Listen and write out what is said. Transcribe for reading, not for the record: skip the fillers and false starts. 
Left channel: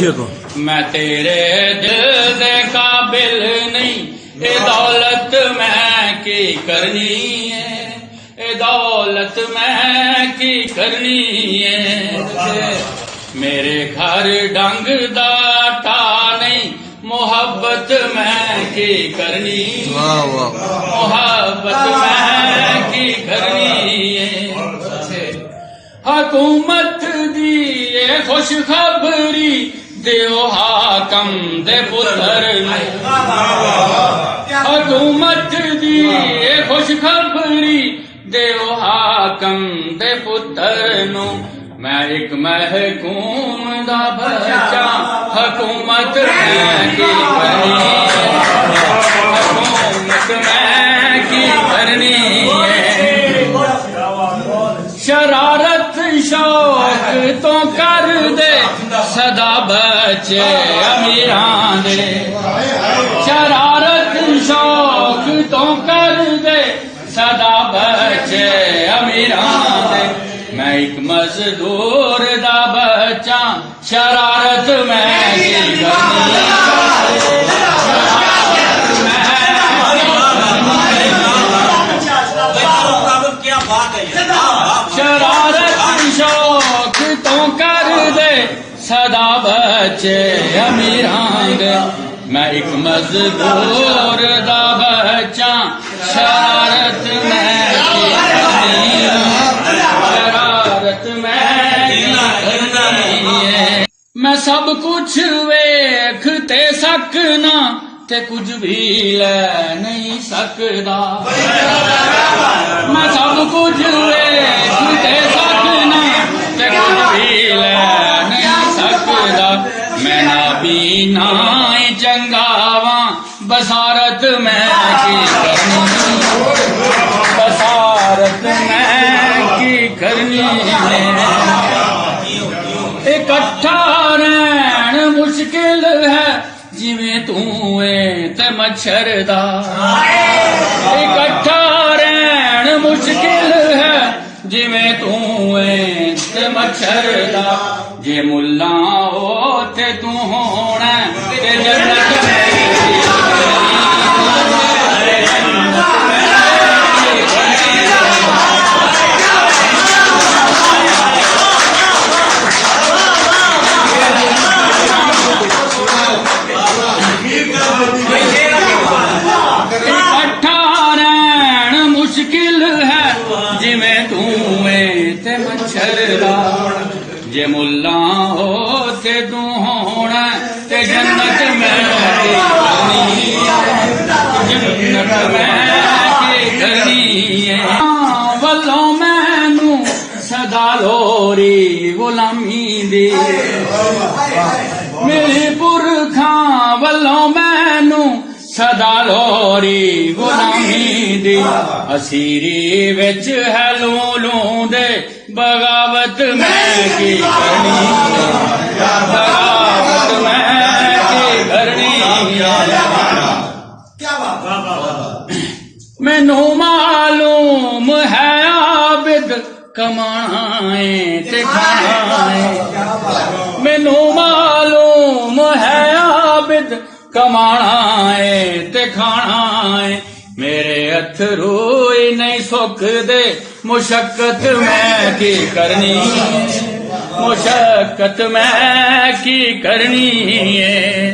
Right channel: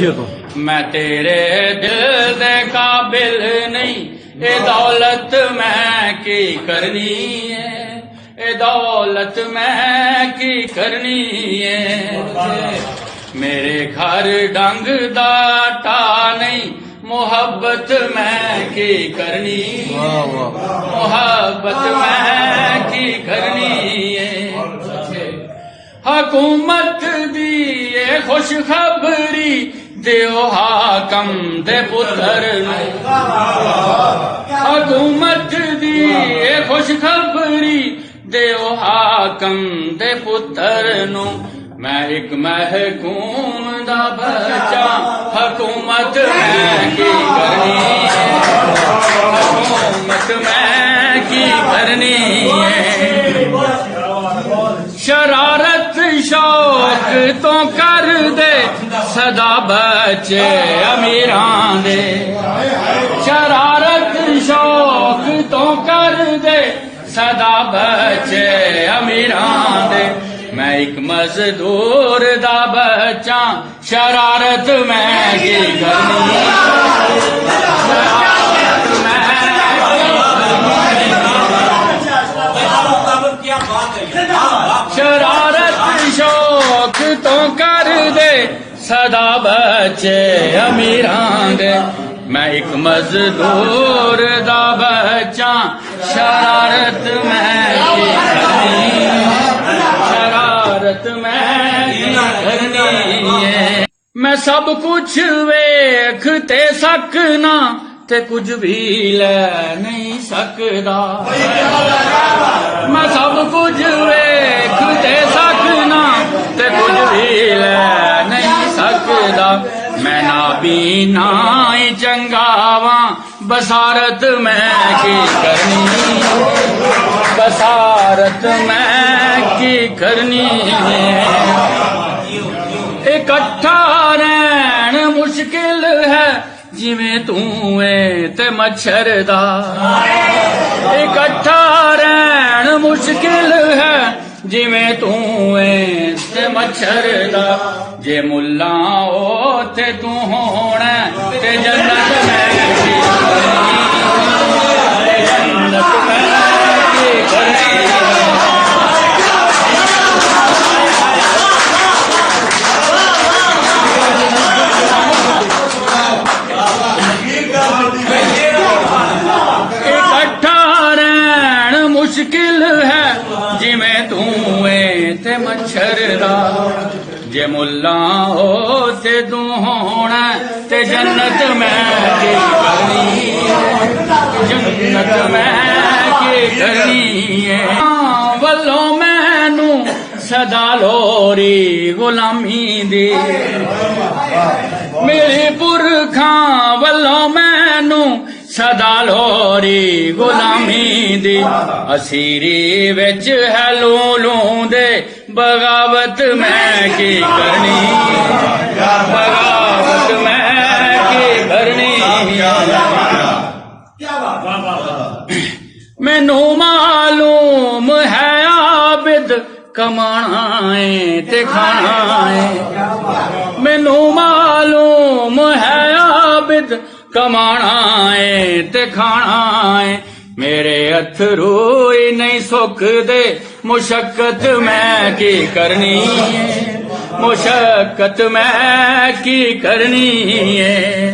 शेर को। मैं तेरे दिल दे काबिल नहीं, ए दौलत मैं की करनी है, ए दौलत मैं की करनी है। मेरे घर डंग दा टा नहीं, मोहब्बत मैं की करनी, मोहब्बत मैं की करनी है। हुकूमत दी ए खुश खबरी देओ हाकम दे पुत्र ने, हुकूमत दी ए खुश खबरी देओ हाकम दे पुत्र नो। मैं एक महकूम दा बच्चा, हुकूमत मैं की करनी, हुकूमत मैं की करनी है। शरारत शौक तो कर दे सदा बच्चे अमीरां दे, शरारत शौक तो कर दे सदा बच्चे अमीरां दे। मैं एक मजदूर दा बच्चा, शरारत मैं की करनी, शरारत मैं शरारत शौक तो कर दे सदा बच्चे अमीरां दे। मैं एक मजदूर दा बच्चा, शरारत मैं की करनी, शरारत मैं की करनी है। मैं सब कुछ वेख ते सकना, ते कुछ भी ले नहीं सकदा। मैं सब कुछ वेख ते सकना, ते कुछ भी ले नहीं सकदा। मैं ना बीना चंगावा, बसारत मैं की करनी, बसारत मैं की करनी है। इकट्ठा रहन मुश्किल है, जिवें तू ते मच्छर दा। इकट्ठा रहन मुश्किल है, जिवें तू ते मच्छर दा। जे मुल्ला हो ते तू होना, ते जन्नत में मुश्किल है, जिमें तू ते मच्छर दा। जे मुल्ला हो ते तू होना, ते जन्नत में की करनी, जन्नत में की करनी है। वल्लों मैनू सदा लोरी गुलामी दी, मेरे पुरखां वल्लों मैनू सदा लोरी गुलामी दी। असीरी विच है लूलू दे, बगावत मैं की करनी, बगावत मैं की करनी है। मैनू मालूम है आबिद कमाना है ते खाना है। मैनू मालूम है आबिद कमाना है ते खाना है। मेरे अथरू ही नहीं सुकदे, मुशक्कत मैं की करनी, मुशक्कत मैं की करनी है।